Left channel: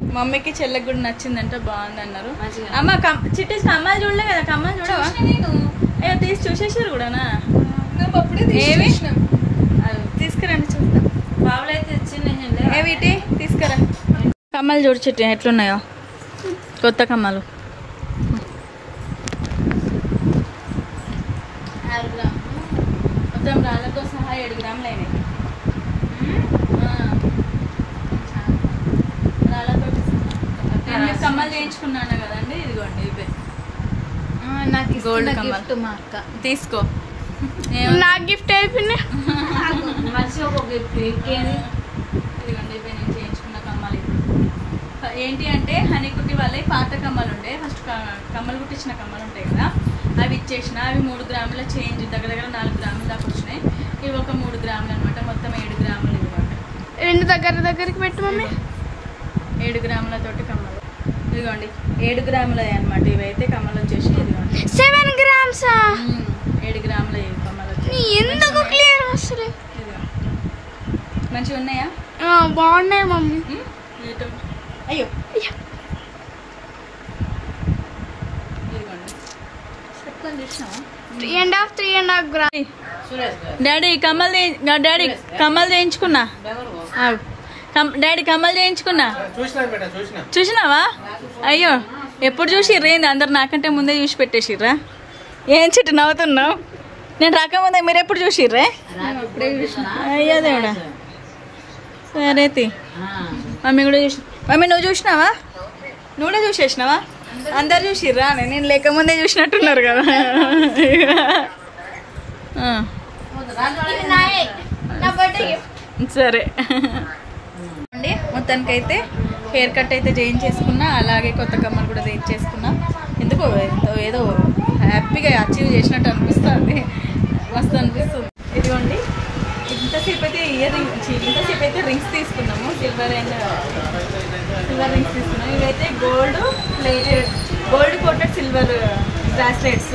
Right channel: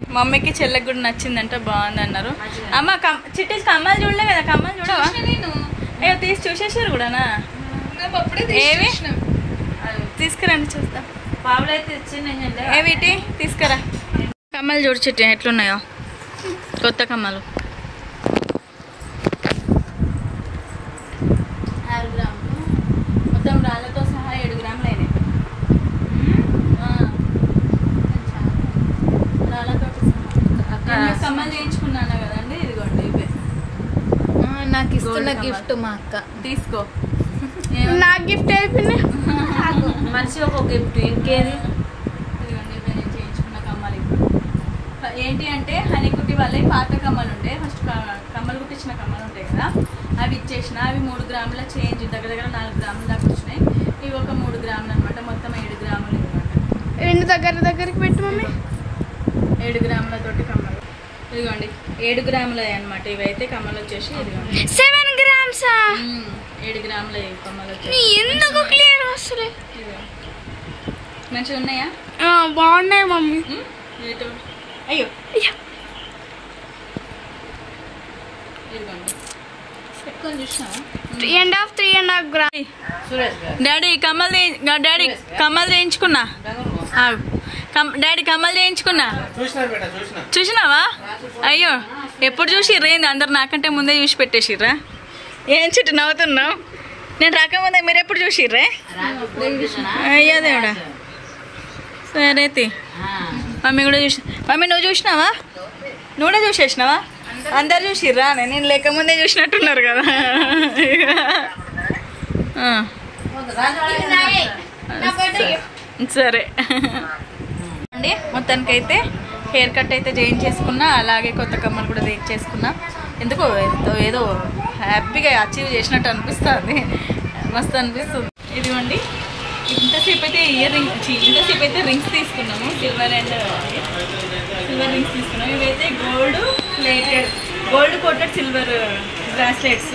మమ్మీకి చెల్లెకి కూడా నచ్చిందంట, బాగుంది అన్నారు. అమ్మ చిట్టి కమ్మలు చూడలే కదా, కమ్మలు చూడవా? అయ్యో తీసి చూసేసారు కూడానా? ఏవి తీసుకురండి చూద్దాం. బాబులు అయితే ఏవిటి తీసుకురా. కమ్మలు చూడు చిట్టి ఎట్లున్నాయో, కొత్త కమ్మలు. 6 గ్రాములు మొత్తం రాళ్ళతో సహా 7 గ్రాములు అయినాయి. కమ్మలు చేయించుకున్నాను కదండి, ఇదిగోండి ఇవే. నాకు ఇస్తున్న గిఫ్ట్ మా అక్క, తీసుకో. నా గిఫ్ట్ అయిపోయింది, మంచిగా ఒక గిఫ్ట్. ఇదిగోండి ఇవే నేను చేయించుకున్న కమ్మలు. ఏంటి అంటే హనీకుట్టి వాళ్ళవి పాత కమ్మలు ఉండే, ఫస్ట్ కమ్మలు కుట్టించిన కమ్మలు ఉంటాయి కదా, అవి ఇచ్చేసిన. అవి 3 గ్రాముల చేంజ్, దగ్గర 4 గ్రాముల దాకా వచ్చినాయి. ఇవి ఒక 3 గ్రాములు అనమాట, మొత్తం 7 గ్రాములు. ఇదిగోండి రెండు దగ్గరికి పెట్టు మమ్మీ. 7 గ్రాములతోటి కమ్మలు. ఇదిగోండి 7 గ్రాములు అనమాట. ఇవైతే కమ్మలు వచ్చేసి ఇదిగోండి 7 గ్రామ్స్. 7 గ్రాముల కమ్మలు వచ్చేసి ఎందుకు క్లియర్ వస్తలే. మంచిగా ఉన్నాయా? బాగున్నాయి మమ్మీ. అయ్యో ఇదిగోండి పెట్టుకొని చూసినావా? 3.5 గ్రామ్. డాడీ కమ్మలు చేయించుకున్నా. డాడీ కమ్మలు చేయించుకున్నా, చూసినావా? అయ్యో ఎప్పుడు చూసిర్రా? ఏంది అందరు నాకంటే ముందే చూసి పెట్టేసిర్రా? ఏం చిట్టు నవ్వుతున్నావు? నేను రాకముందే మీరు ఎప్పుడు చూసిర్రా? అయ్యో దేవుడా. సరే మమ్మీ కూడా చూసి. మమ్మీ నువ్వు చూసినావా? నువ్వు కూడా చూసేసినావా? అందరు చూసిర్రా? నేను లేకముందే చూసినట్టున్నారు కదా. సరే అండి, మొత్తానికైతే హెయిర్ కట్ అయితే చేయించేసుకున్నా, అలాగే కొత్త కమ్మలు కూడా చేయించేసుకున్నా. ఎందుకో ఏదో హ్యాపీగా అచీవ్ చేసినట్టు అనిపిస్తుంది, మస్తు అనిపిస్తుంది. ఇదిగోండి ఇంతసేపు అయితే ఇంతసేపు అయితే రింగ్స్ తీసుకున్నాము, సిల్వర్ రింగ్స్ తీసుకున్నాము. ఇవైతే గోల్డ్ కోటెడ్ సిల్వర్ బ్రాస్లెట్స్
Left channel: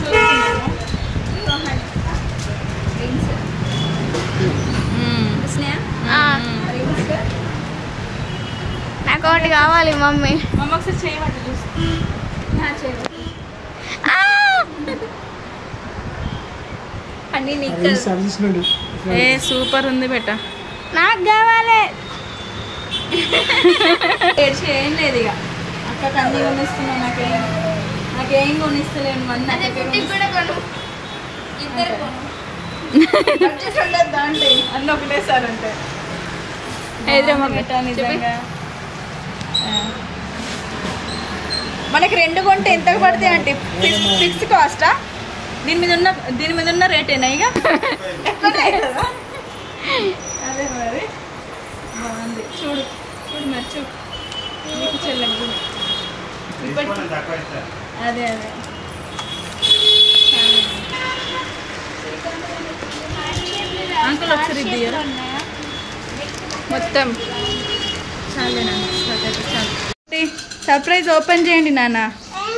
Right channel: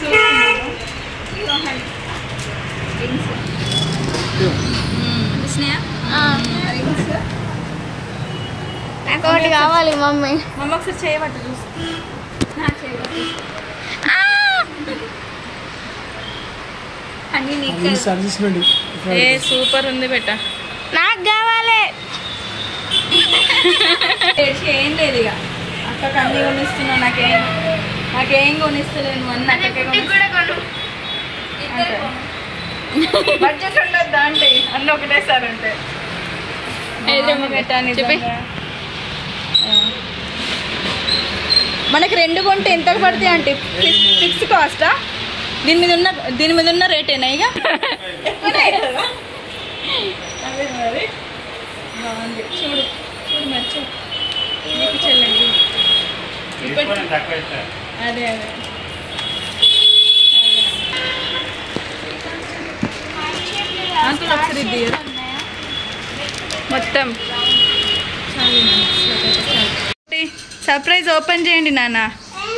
చూస్తున్నాము. నాకు ఒకటి కావాలి మమ్మీ. మమ్మీ ఒకసారి చేయబట్టు చూసి. అన్నీ నీకు సూపర్ ఉంది బెట్ట. నాకు కావాలి. ఏం లేదు ఇక అక్కకి అన్నీ కొనిస్తున్నావు, నాకేం కొనిస్తలేను. అన్నీ అక్కకే బడ్జెట్ ఉండద్దా అంటే అన్నీ ఒకటేసారి ఉంటాయి. చెప్పి మనకి 2 కొంటే ఎంత పడతాయి అంటే ఫిక్స్ కాస్టా? దీని మీద ఉన్న రేటేనా ఇక? అదే మరి బాగుంది. చూడు మరి నీకు చెల్లండి అదే మొత్తం సర్ప్రైజ్ ఓపెన్ చేయండి నాన్న.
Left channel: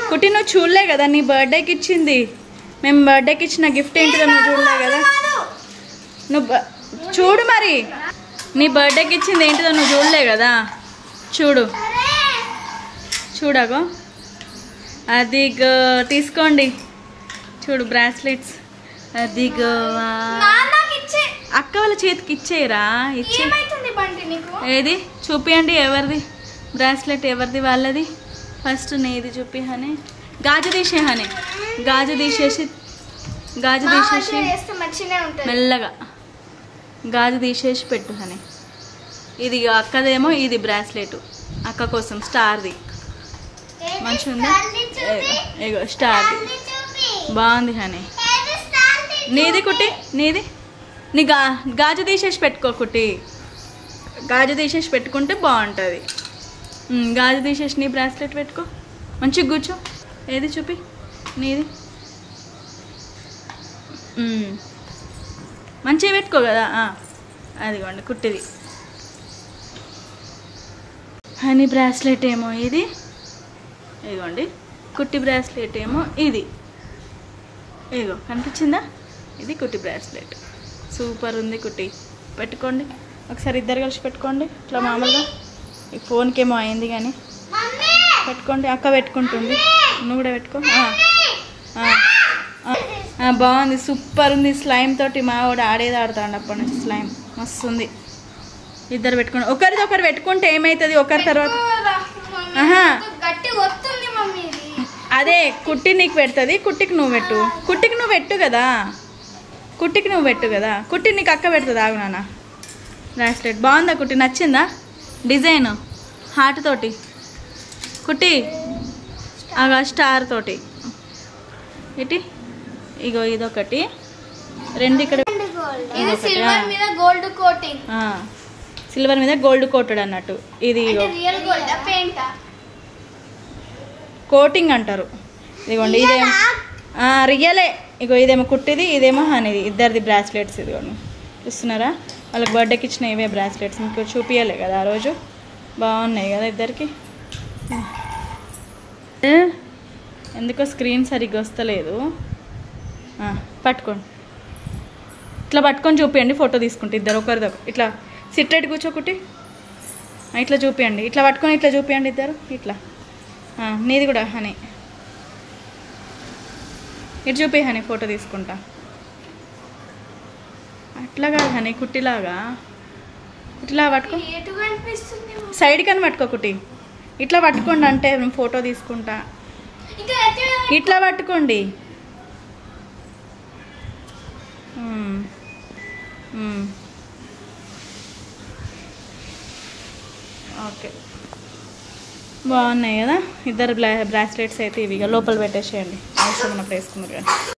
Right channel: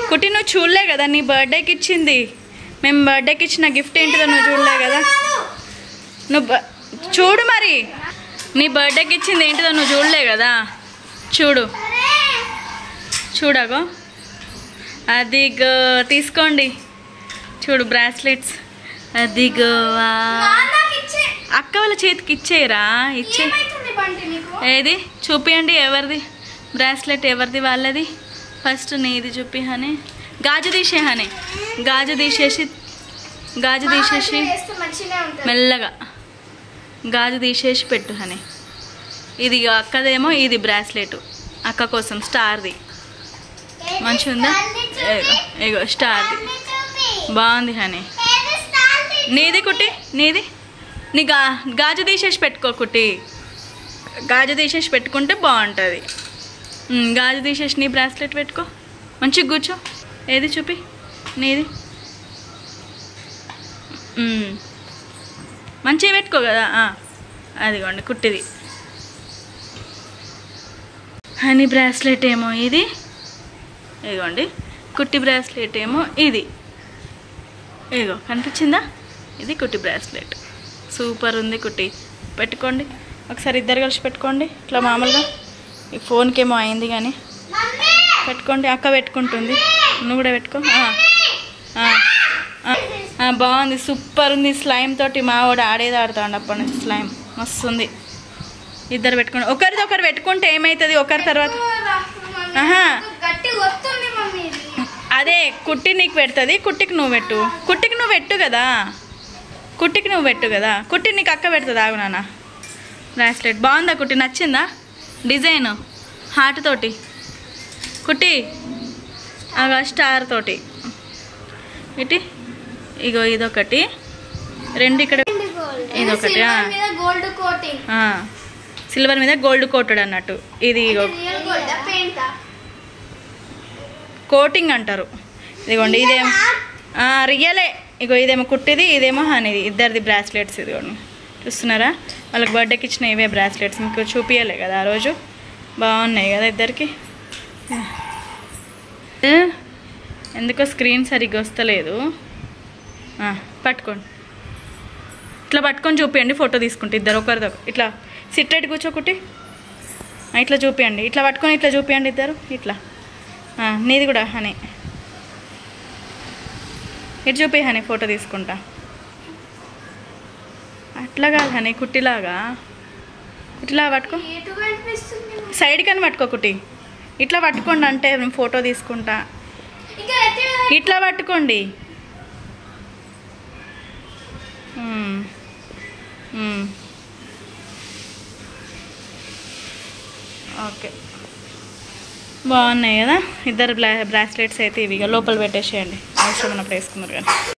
కుట్టి నువ్వు చూడలే కదా, నీ బర్త్డేకి ఇచ్చింది. మేము బర్త్డేకి ఇచ్చిన గిఫ్ట్ ఏంటిదో నువ్వు చూడలే కదా. నువ్వు చూడు మరి, నీ బర్త్డేకి ఇచ్చింది ఏంటిదో నువ్వు చూడలే కదా. చూడగో అదిగో తీసుకోండి. చూడు బ్రాస్లెట్స్, అదిగో అక్క వాళ్ళ చేతికి ఇచ్చేయరా? ఏది చూపియండి, ఎవరిది బ్రాస్లెట్, ఎవరిది వాళ్ళది? ఫస్ట్ నీది చూపి హనీ. గాజు తీసేసి మెల్లగా గాజు తీసేసి పెట్టు హనీ. ఇది అక్కదేమో, ఇది బ్రాస్లెట్ అక్క కోసం స్టార్ది. మంచిగా ఉందా? ఇగో స్టార్ది బాగుంది హనీ. నీది కుట్టి, నీ గాజు తీసేసి పెట్టుకో కుట్టి. గాజు తీసేసి పెట్టుకుంటే బాగుంటుంది. గాజు తీసేసి నీ బ్రాస్లెట్ పెట్టుకో, మంచిగా కూర్చో. ఏది చూపి నీది, మంచిగా పెట్టుకో కదా. అదిగోండి కుట్టిది. హనీ బ్రాస్లెట్ ఏమో ఇది, ఇదిగోండి. కుట్టి బ్రాస్లెట్ ఏమో ఇది. ఇదిగో కనిపించిందా? ఇది కుట్టి బ్రాస్లెట్. సూపర్ ఉంది కుట్టి. పెట్టుకోండి ఒకసారి, ఇద్దరు కలిసి పెట్టుకోండి ఇట్లా మామూలుగా. ఈ ఫోన్కి ఏమో అయింది కానీ పెట్టుకోండి. అక్క పెట్టుకుంటుంది, నువ్వు కూడా పెట్టుకో. బాగుంది, సూపర్ ఉంది. స్లైమ్ తోటి మా వాడు ఆడేది ఆడుతాడు అప్పటి నుంచి. స్లైమ్ మస్తు ఉంది. ఇద్దరు పెట్టుకోండి, ఒకరిది ఒకరు పెట్టుకుంటే ఏమవుతుంది ఒకరి తర్వాత. అదే కుట్టి నీకు పెడుతుంది, కుట్టికి నువ్వు పెట్టు. కుట్టికి నువ్వు పెట్టు కదా, కుట్టికి నువ్వు పెట్టు కదా. కుట్టి నీకు అక్క పెడుతుంది. ఆగు నాన్న. బ్రాస్లెట్ బాగుందా కుట్టి? నచ్చిందా డిజైన్? హార్ట్ తోటి కుట్టి, అగా స్టార్ తోటి ఇటు. ఇగో ఇదొకటి, రెండు ఇక్కడ, ఇదొకటి సిల్వర్ మీద గోల్డ్ కోటెడ్ అన్నట్టు. ఇది ఇగో కోటింగ్ అంటారు. ఇదిగోండి ఇదేమో రియలే. ఇగో ఇదేమో కుట్టిది, ఇదేమో హనీది. ఇద్దరిది బ్రాస్లెట్స్. ఇదిగోండి చూస్తున్నారా? వాళ్ళకి బర్త్డేకి ఇచ్చిన ఇవే బ్రాస్లెట్స్. మీకు చూపించలే కదా ఆ రోజు. బాగున్నాయి కదా ఇద్దరికి. ఎందుకో స్క్రీన్ సరిగ్గా వస్తలేదు. పట్టుకోండి, ఇట్లా పట్టుకొని చూపించండి. ఫోటో తీసుకుంటే ఇద్దరు ఒకరిదొక ఇట్లా సిట్రేట్ కూర్చోకుట్టి ఇట్లా చూపించండి. ఇట్లా పట్టుకొని ఇట్లా చూపించండి ఇద్దరు ఇట్లా. నీది కూడా హనీ ఇటు చూపి హనీ, ఫోటో తీసుకుంటా. అట్లా కాదు హనీ, కుట్టిలాగా. కుట్టిలాగా పట్టుకో, సైడ్కి అని పట్టుకో కుట్టి. ఇట్లా పట్టుకోండి అంటే నేను ఫోటో తీసుకుంటా. ఇట్లా పట్టుకోండి. ఓకే, బాగున్నాయి కదా ఇద్దరు బ్రాస్లెట్స్ అయితే. ఇవి లోపల పెట్టేసేయండి, అవసరం ఉన్నప్పుడు వేసుకున్నారు కానీ.